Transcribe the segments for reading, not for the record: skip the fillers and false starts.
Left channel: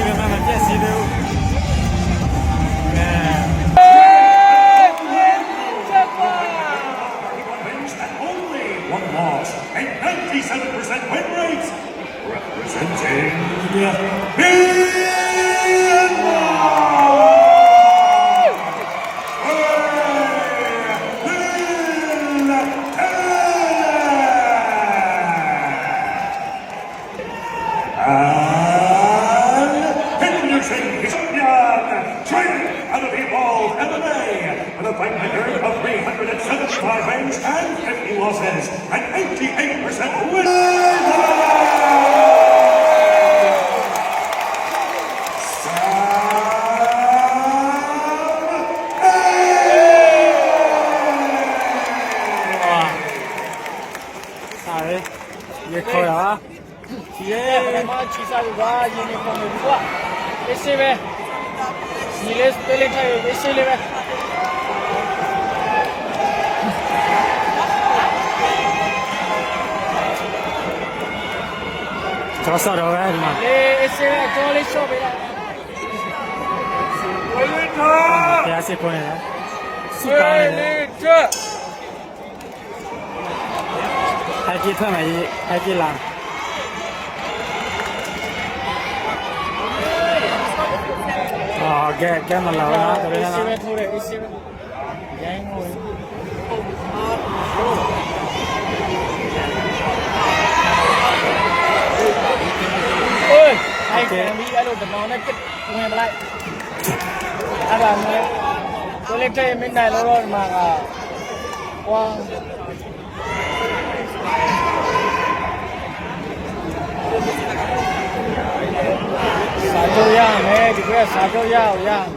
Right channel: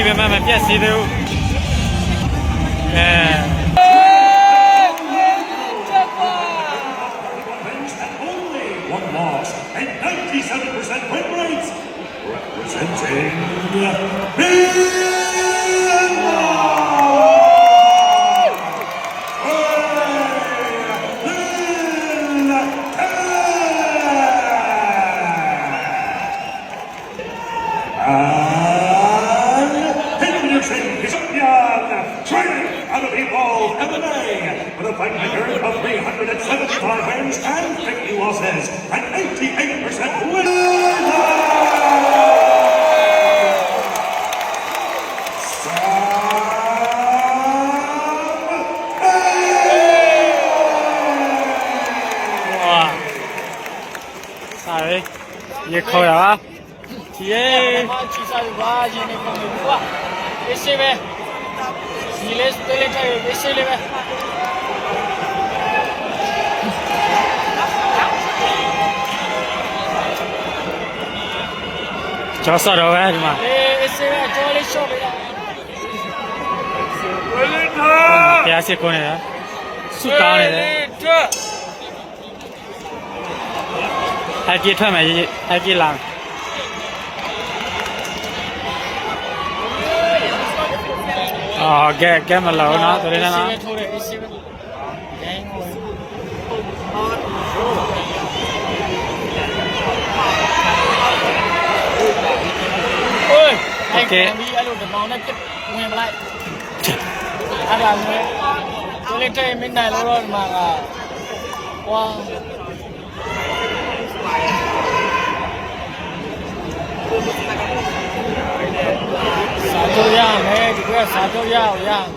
ကြီးပဲမှမပြတ်စီသေးဘူးOne loss and 97% win rates, representing training out of the Evolve MMA with a fight record of 375 wins and 50 losses and 88% wins. Sorry, you call it? Yeah. Silas balik lagi, besi lagi. Jasa dah kan, cuma. Isi lagi, jualan shop lagi. Biasa kau ni lah, suka ni lah. Haki tu macam haki lang. Cái mà lẩu nó từ đây nó ok tôi lên chơi bên này nó rồi mà wow satu yang juga satu yang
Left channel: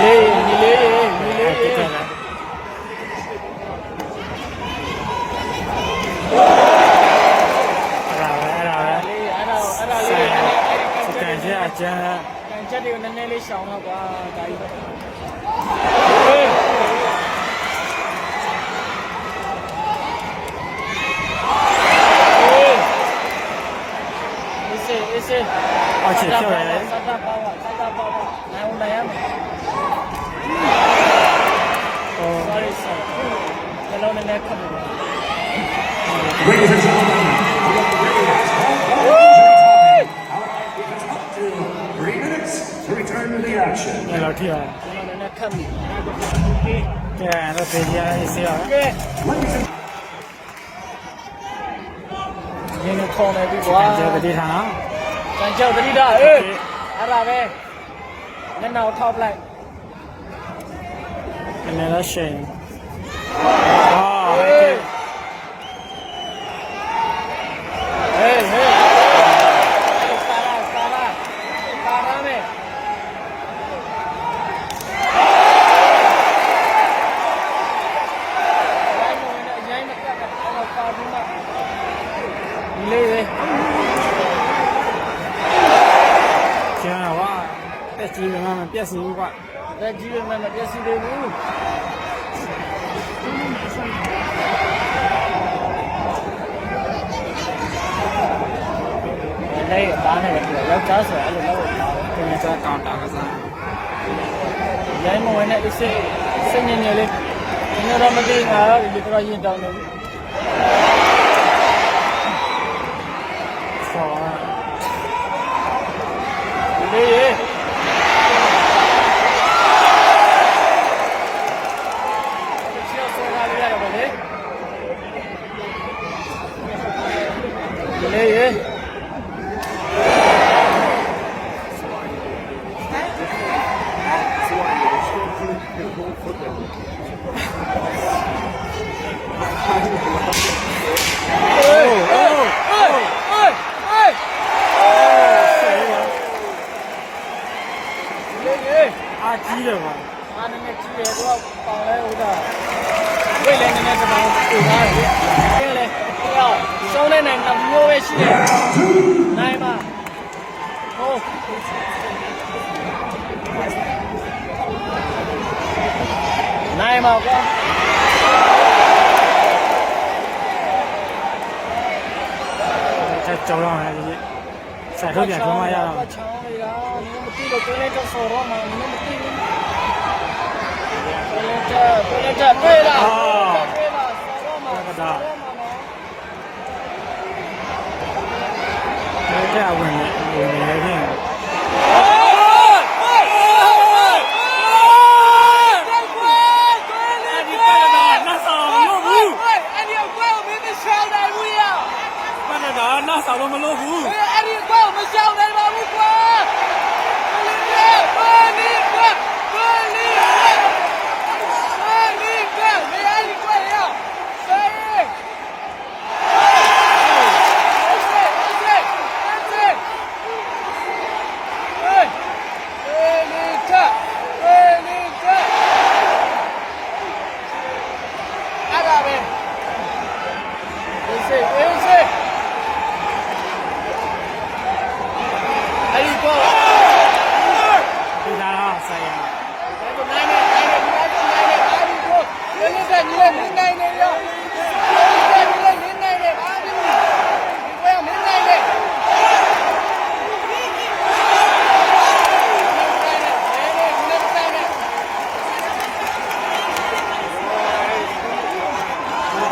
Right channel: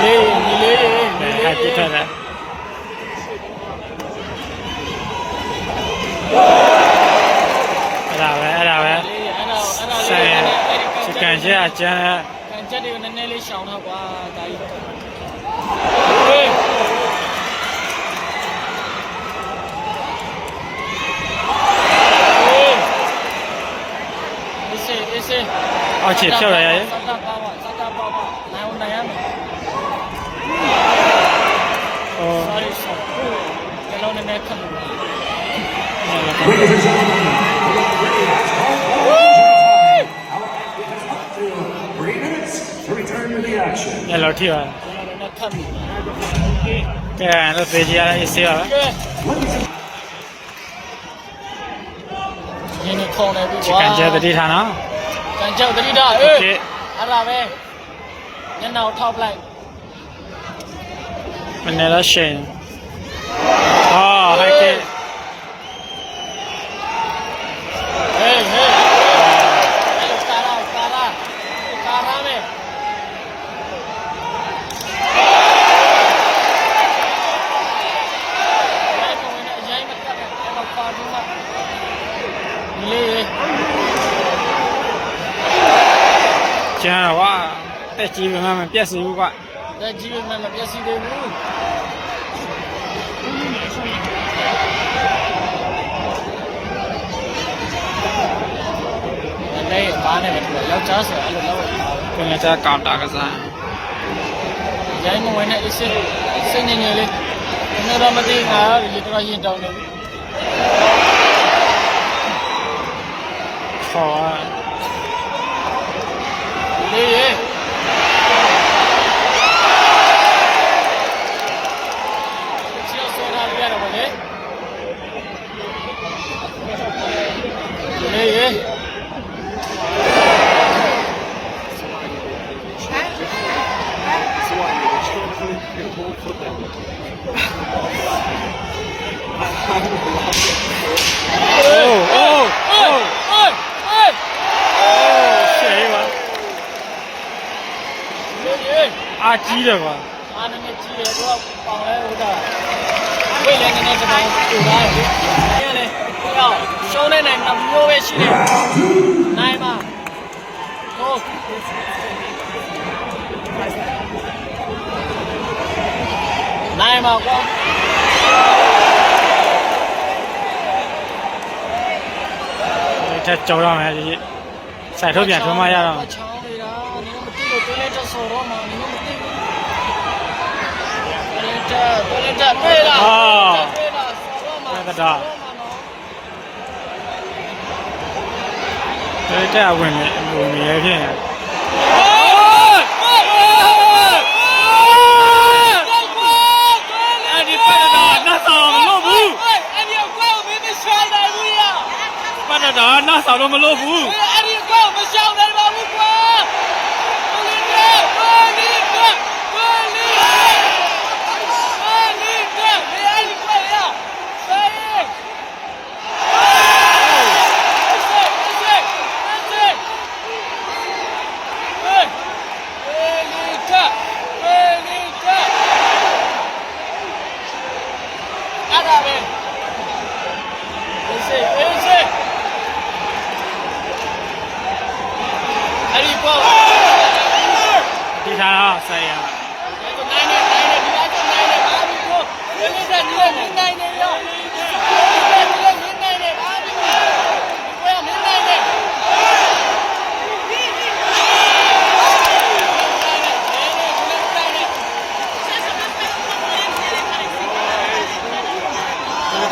nilai kita dah ada saya sekarang aja di nilai sana tadi chị theo đấy nghe lâu thì rồi cái nó về gì là gì à chỉ cần chơi đi thằng nó cần chơi đi đó ở đâu về nhân nào thao lại mình này là xe hai cái cái gì mà mình biết gì quá cái gì mà mình biết gì đấy luôn đây có này mình lâu chó sửa luôn lâu cái này ta cào đá cái gì vậy mà người này xin nhiều lên nó ra mà đi mà gì có gì đâu nữa khó đi chi được mà chi được đúng không? Còn đây bây giờ bây giờ người ta sẽ bảo chủ này đây này show này này nằm vô cái chi này mà ô này mà con ချက်ကြောရမယ်ဒီစိုက်ထုတ်ပြန်ထုံးမရတော့ ချောင်းနေတာနင်မသိလို့တိုးလိုက်တော့ဆော်တော့မှနင်မသိဘူးတိုးလိုက်တွေ့လားဆော်တော့မှ တဲ့ဝင်နေရဖြင့်အဲ့ဒီပတ်တော့နှဆောင်မလို့ဘူး အဲ့ဒီကောမင်းမရှာနိုင်ဘူးလား ပတ်တော့နှဆောင်လို့မလို့ဘူး အဲ့ဒီကောမရှာနိုင်ပါဘူးကွာဒီသားဆိုင်ရ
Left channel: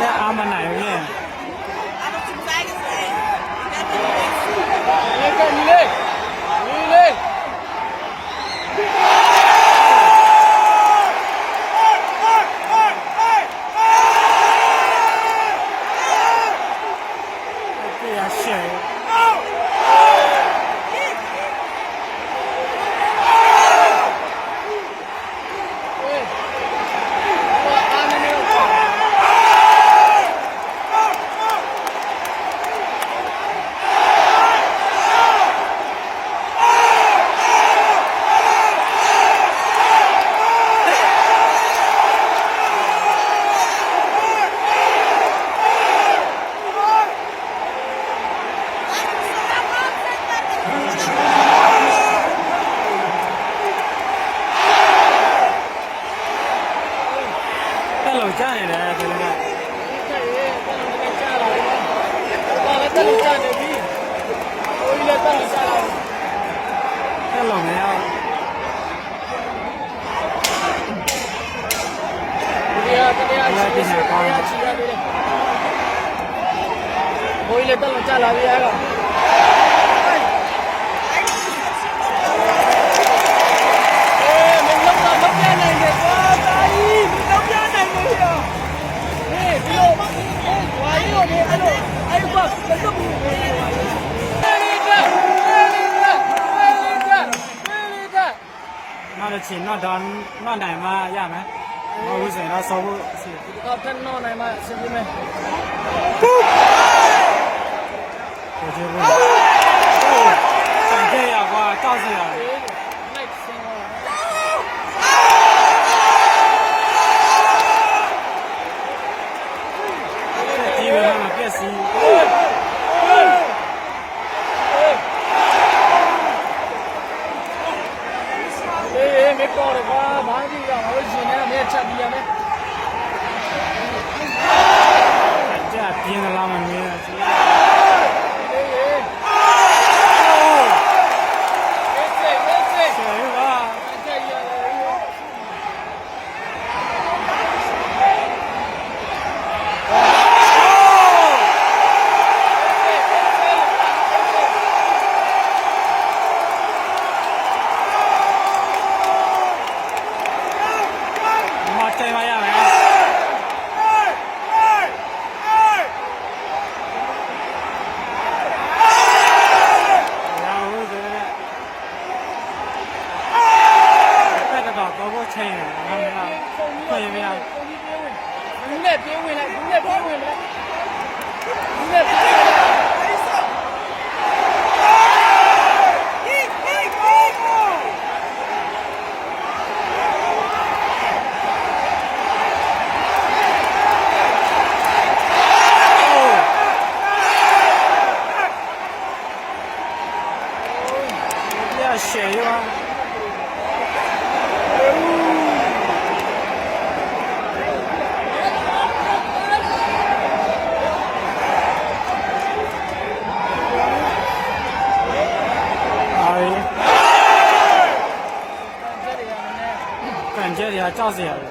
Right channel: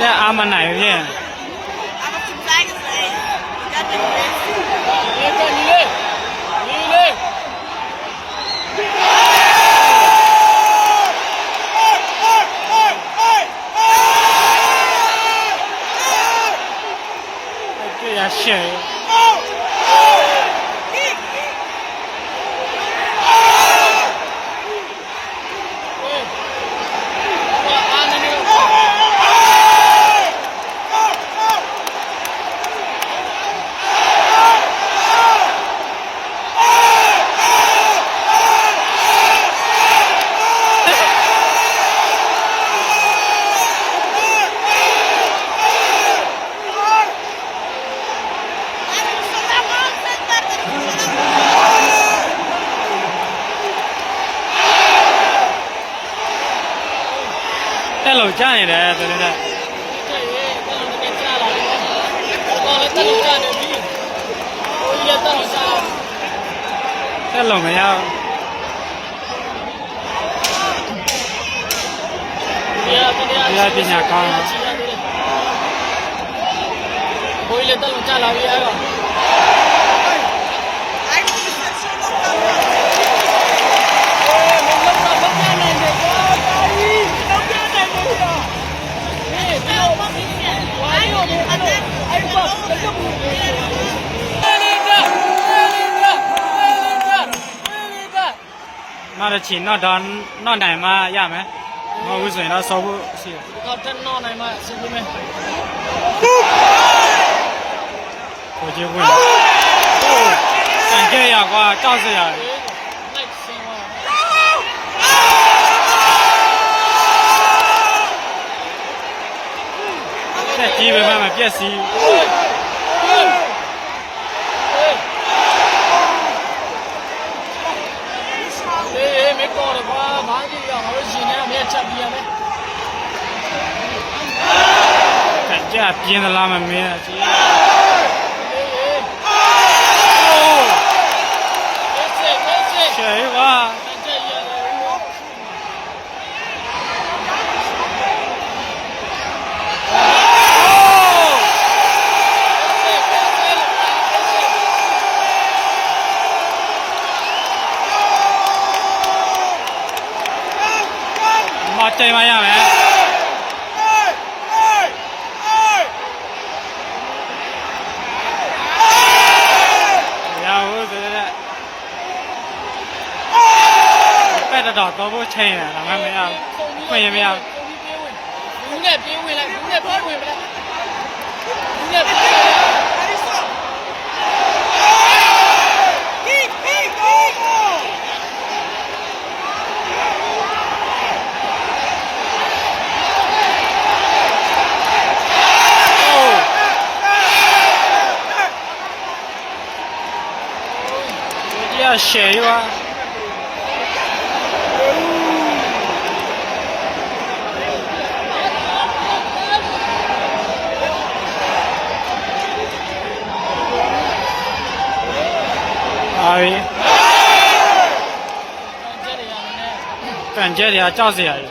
တဲ့အာမနိုင်ဖြင့်တွေ့ရရှယ်အဲ့လိုကြားနေတယ်တကယ်တော့အဲ့လိုမရပညာကောင်း ဘိုးလေးတော့ကြာလာပြီအား နောက်တစ်ချိန်နောက်နိုင်မှရမယ်မဟုတ်ဘူးဆိုရင်တော့ဆောဖို့ရှိတယ် တော့တက်တော့နိုင်မှာစနေမယ် ကိုကြီးဝင်တန်ကြရကွာတောက်စရာ next ဆင်းသွား တက်ကြီးပဲမှမပြက်စီး 没搞的话，哪里呀？我现在没吃皮呀没。 တက်ကြပြင်းသလားမမင်းလားကြီး ရှယ်ပါမချိန်မရမယ်တော့တော့ချိန်ရတာမရဘူးခွင့်ရမရဘူး ဘူးနဲ့ပြေးဝင်လိုက်ဘူးနဲ့ပြေးဝင်မလားဘူးနဲ့ပြေးဝင်လိုက်ရှယ်ရွာ ကြဲတွေကကြောက်စရာကြီး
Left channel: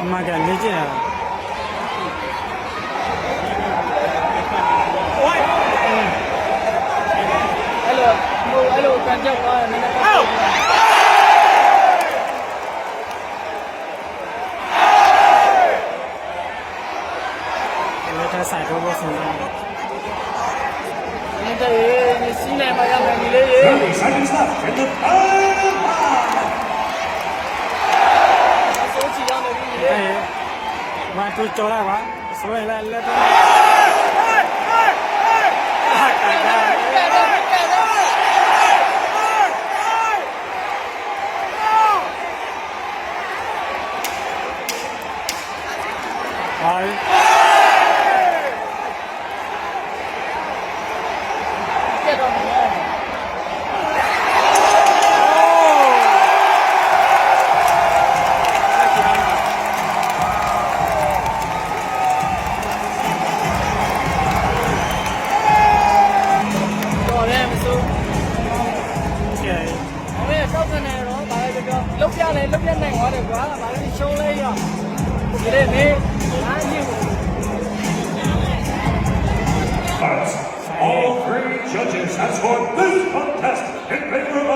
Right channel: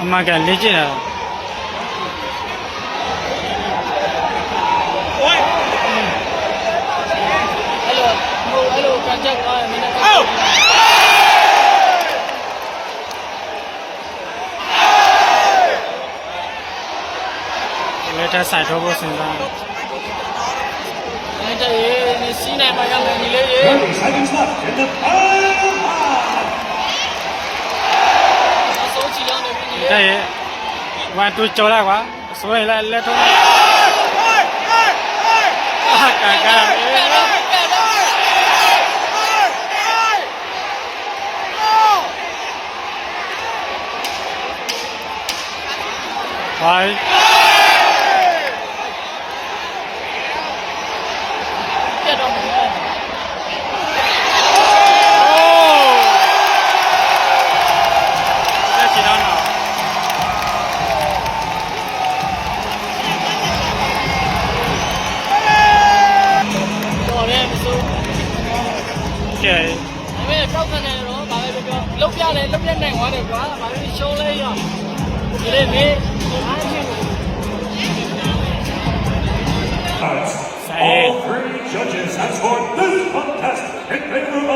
အမှန်ကန်လေ့ကျင့်ရတာ အဲ့လိုကန်ကြောက်တော့နည်းနည်းလက်ထက်ဆိုင်တော့ဖို့စဉ်းစားတယ် အဲ့ဒါရေးစီးနေမှာကလည်းဒီလေးရေး 30 seconds left in the final one. အစိုးချီလုံးနေပြီ တဲ့1 2ကြော်လိုက်ကွာဆိုရင်လည်းလက်တော့အာကာကာဟိုင်း ပြတ်တော့မှာ လက်ချီတော့နော် ပေါ်လဲမစိုး ကဲ အဲ့ပောက်ကနေတော့ဘာလဲပြောလုတ်ပြလဲလုတ်လက်နိုင်သွားတယ်ကွာဘာလို့ရှုံးလဲရဒီလေးငယ်အားဖြင့် All three judges have scored this contest in favor of